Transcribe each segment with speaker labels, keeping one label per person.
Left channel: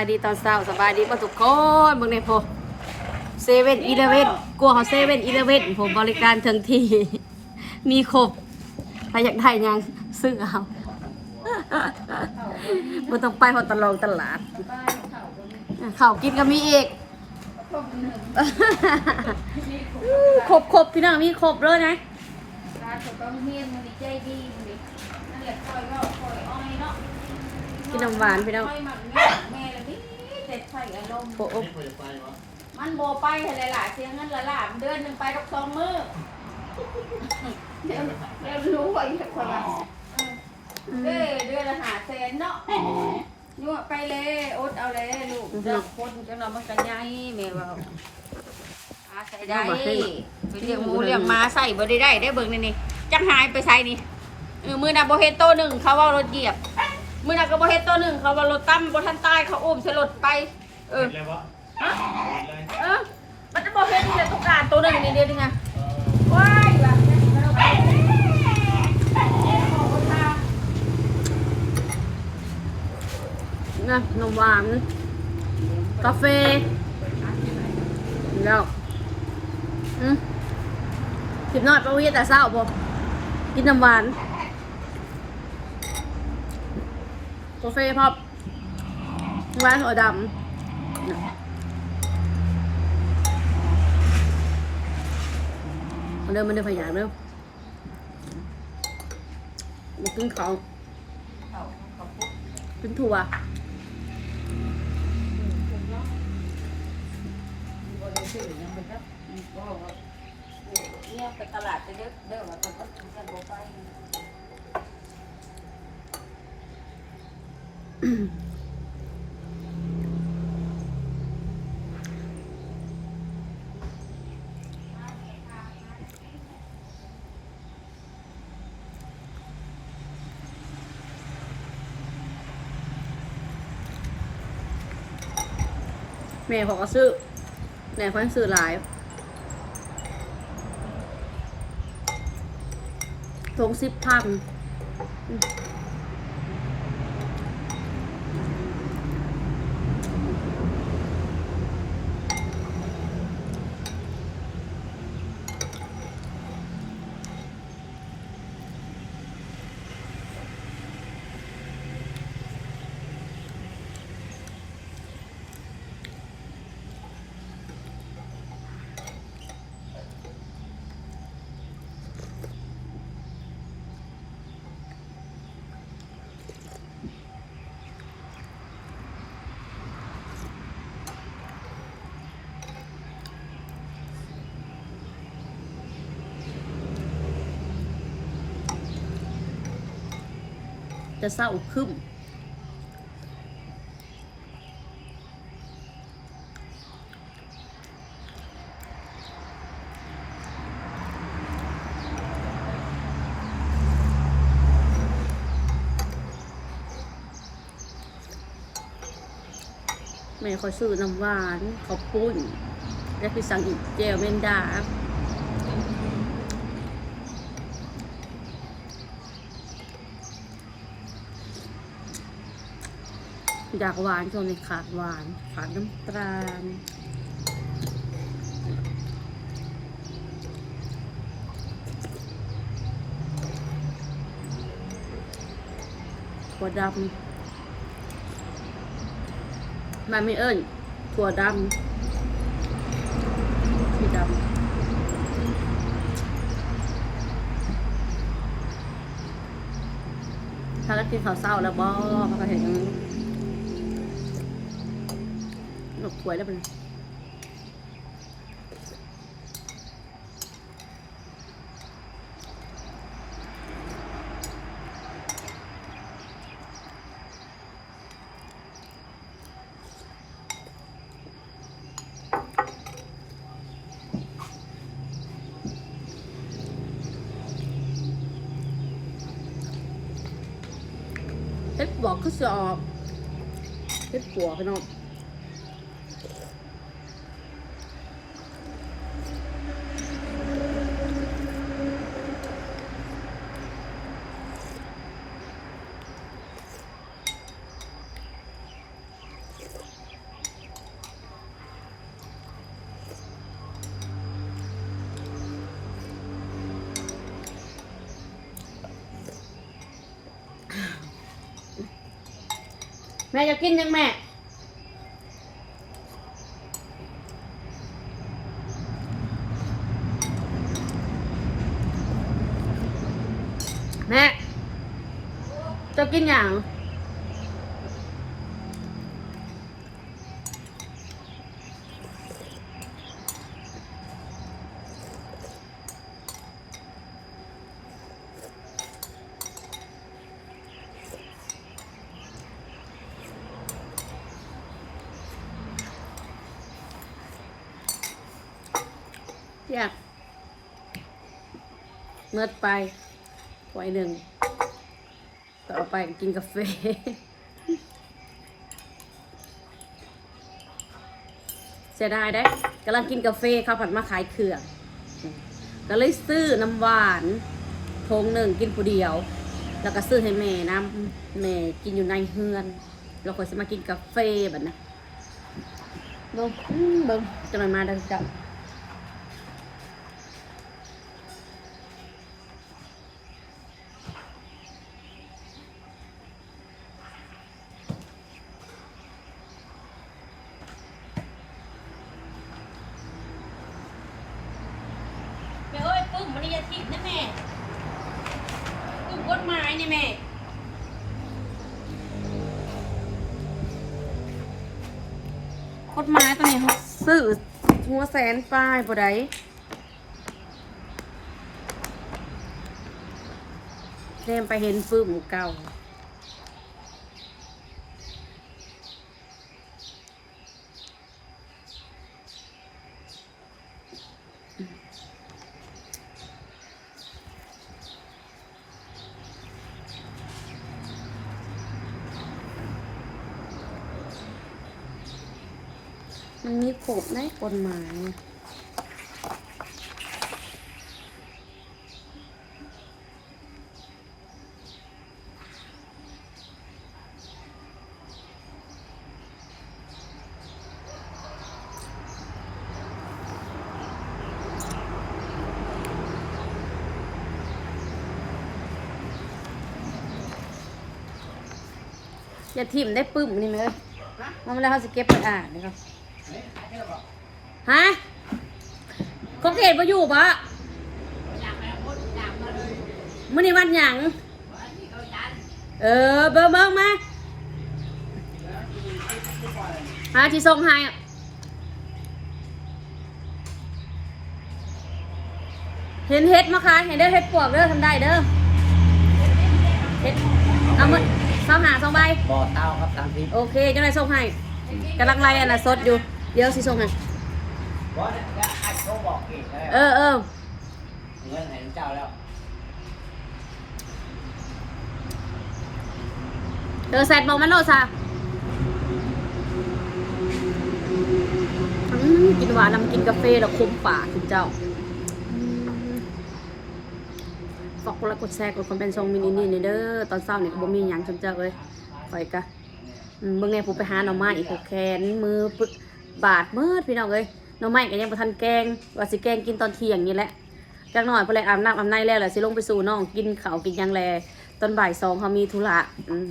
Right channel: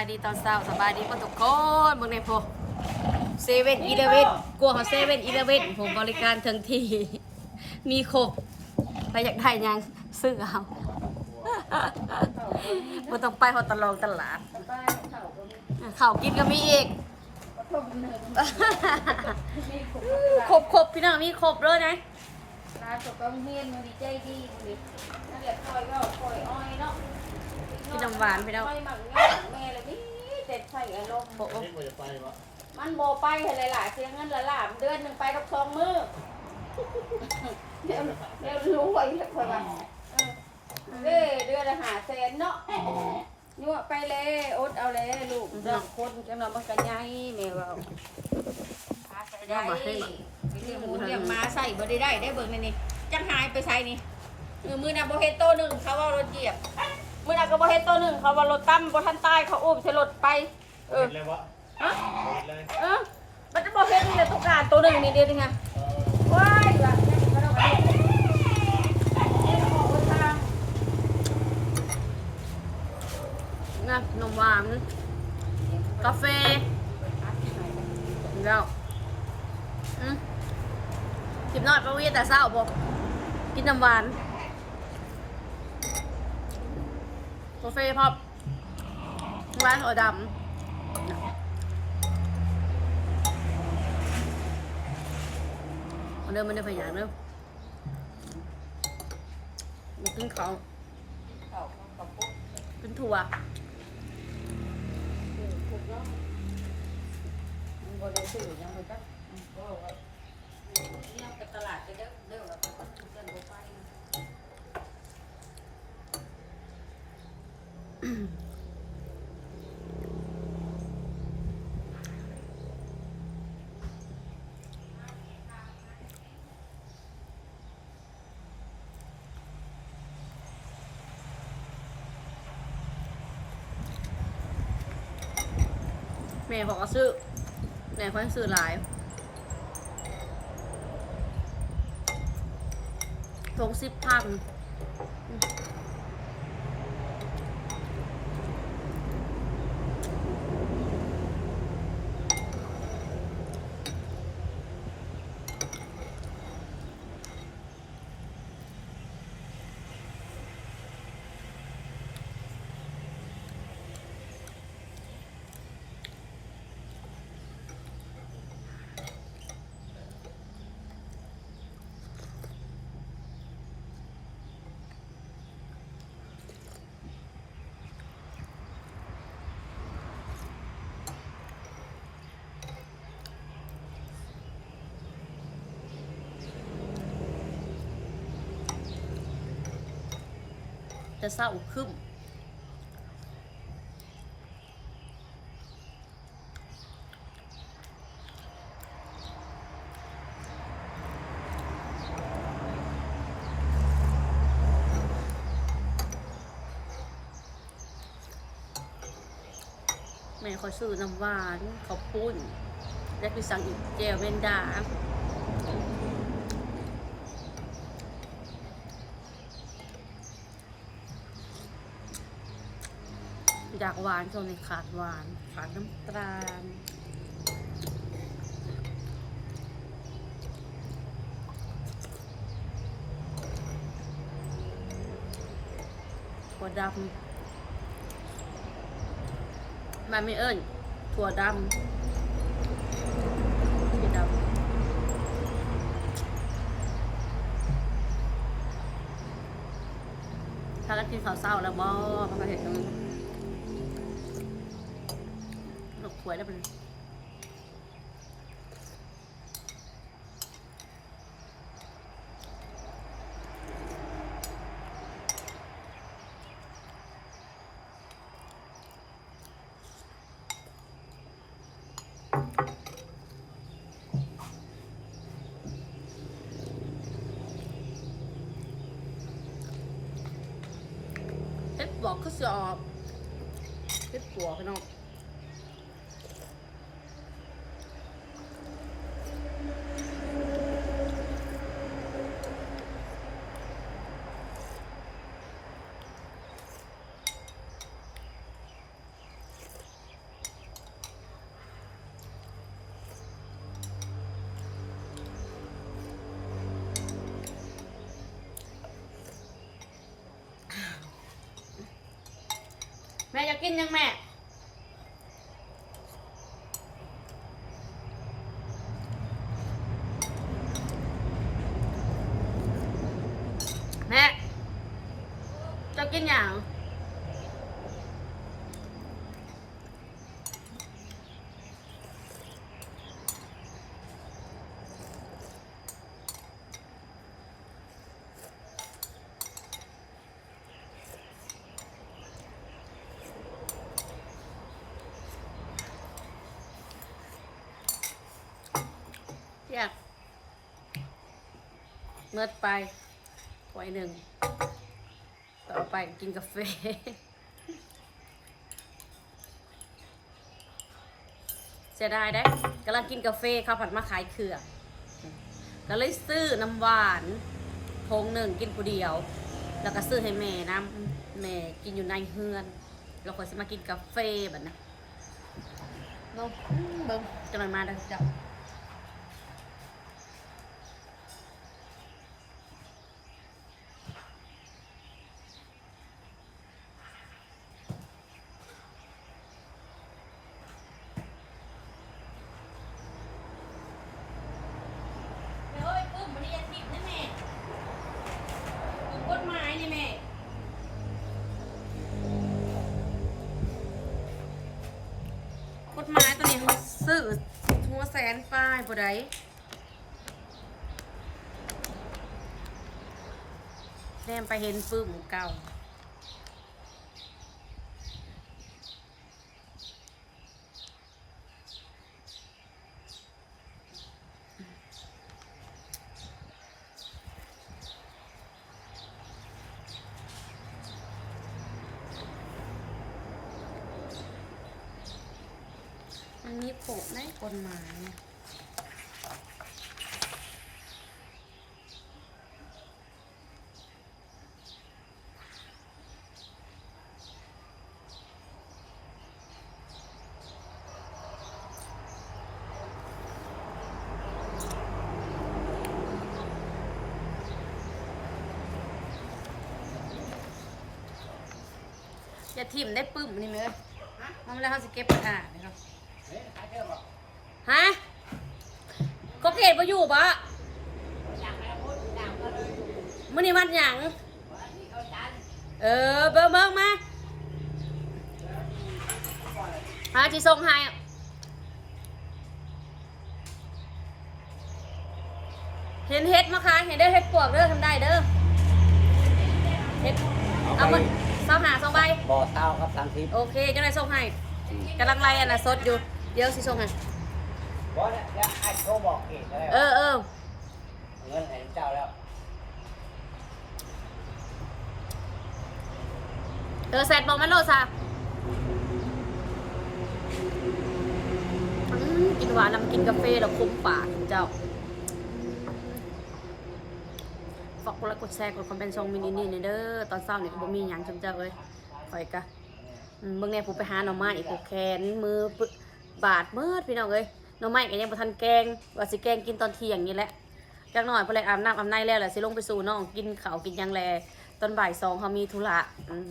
Speaker 1: บายดีตอนเช้าสบายดีป่ะทุกคนเบิ่งในโพเซเว่นอีเลเว่นกลัวเขาเซเว่นอีเลเว่นผมบริการถึงที มีครบถ้าอยากได้ยังซื้อเอาบ่ต้องไปหอตลองตลาดข้าวกินก็มีอีกครบครบพี่น้องมีครบเลยนะกินน้ำหวานพี่น้อง โอ้โอ้
Speaker 2: มันโบไปอะไรล่ะเสียเงินละล่ะเดือนหนึ่งไปดอกสองมือเดี๋ยวเดี๋ยวรู้ว่าอีกคนละเด้อเดือนละหาแสนเนาะยั่วไปเลยอดเอาเลยลูกเราคนจังเรามันจังไงเดี๋ยวเราอาใส่ได้เรียกหมูเรียกม้าใส่บ่ได้ได้ได้เบิ่งนี่นี่จังหายไปใส่นี่เออมือน่ะบ่เฮ็ดโตหนึ่งเขาว่ารถเหยียบ มือน่ะก็บ่เฮ็ดโตหนึ่งเขาว่ารถตั้มบ่ทันตายเขาอุ้มใส่รถไป เออ
Speaker 3: เลยวะ
Speaker 2: เออมันจะบอกให้ดูเลยทุกการตัวหนึ่งเดียวนี่ไงว้ายแบบ
Speaker 1: นะนมหวาน กาแฟแล้วอืมสิบนอดประวิแต่เศร้าบ่กินน้ำหวานกาแฟพอบหวานหัวดำเนี่ยมาเดินมาเดินพยายามเร็วมากินเขาวเป็นถั่ว
Speaker 2: เนี่ยไปตลาดไปเด้อเด้อว่าต้องต้องบไป
Speaker 1: แม่ขาก็ซื้อแม่เขาให้ซื้อหลายทงสิบพัน จะเศร้าขึ้นแม่เขาซื้อน้ำหวานขาวปุ้นแล้วพี่สั่งอีกเจลเมนดา อยากหวานจนในขาดหวานขาดน้ำตาลถั่วดำมันไม่เอิ้นถั่วดำสีดำถ้าก็กินข้าวเศร้าแล้วบ่พระก็เห็น กันหนกถวยแล้วเป็นเฮ็ดบอกเขาจะออกเฮ็ดปัวพี่น้อง แม่จะกินยังแม่ แม่ จะกินอย่าง อยากเมื่อไปถ้วยหนึ่ง ต่อไปกินกาแฟเสียดายได้กำลังกินกาแฟเขาผัดมาขายเครื่อง ก็เลยซื้อน้ำหวานทงหนึ่งกินผู้เดียว แล้วก็ซื้อให้แม่น้ำแม่กินอยู่ในเฮือน เราควรจะมากินกาแฟแบบนั้นเบิ้งอื้อเบิ้งจะหน่อยมาเดังเจ้า เฮ้ย ขิดนะแม่ปุ่มกฎหมายนี่แม่กฎหมายตัวนี้เขาซื้อหัวแสนป้ายบ่ได้เล่มไปเห็นปื้มเก่า มันมีกฎในกฎหมายอย่าทิ่มได้ปึ้มนี่เลยมาแล้วเขาจะเก็บไปอ่านนี่ครับ ฮะคงเกตมาอยู่ปะมื่อนี้วันหยัง เออ เบิ่งเบิ่งมาหาที่ส่งให้อะเห็นเฮ็ดมาคะเห็นเด้อเฮ็ดปวกเด้อทำได้เด้อเฮ็ดเอามาสองหาสองใบ
Speaker 3: บ่อเต้าครับสามสิบ
Speaker 1: โอเคจังไรส่งให้กำลังไล่อันน่ะสดอยู่เดี๋ยวสิส่งให้
Speaker 3: บ่ไงเออเอ
Speaker 1: อเออ
Speaker 3: แซ
Speaker 1: ดบอกมันโลซะอืมกินหวานนำกินกาแฟแล้วคุมปากคุณเจ้าอืมฝากกดไลค์กดแชร์กดคอมเมนต์ช่องมินินี่นี่เด้อตอนเช้าเนี่ก็บ่มีหยังจำเจ้าเลยคอยกะอืมเบิ่งผมไปหาหน่อไม้อีกผูกแขนมือปึ บาดเมื่อพี่น้องเอ้ยน่องไม้ก็ยังบ่ทันแกงว่าสิแกงกินตอนเที่ยงนี่แหละจักหน่อยพอแลอาบน้ำอาบในแล้วแหละสิลงไปสู่น้องกินข้าวกินยังแลตอนบ่ายสองเขามีธุระอืม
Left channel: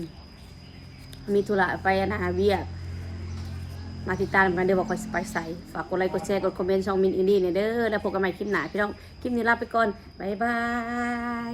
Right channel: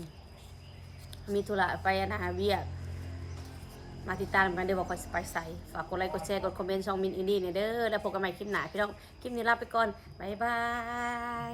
Speaker 1: มีธุระไปนะเวียกมาติดตามกันเดี๋ยวบอกคอยสไปใส่ฝากกดไลค์กดแชร์กดคอมเมนต์ช่องมินอินดี้เนี่ยเด้อแล้วพบกันใหม่คลิปหน้าพี่น้องคลิปนี้ลาไปก่อนบ๊ายบาย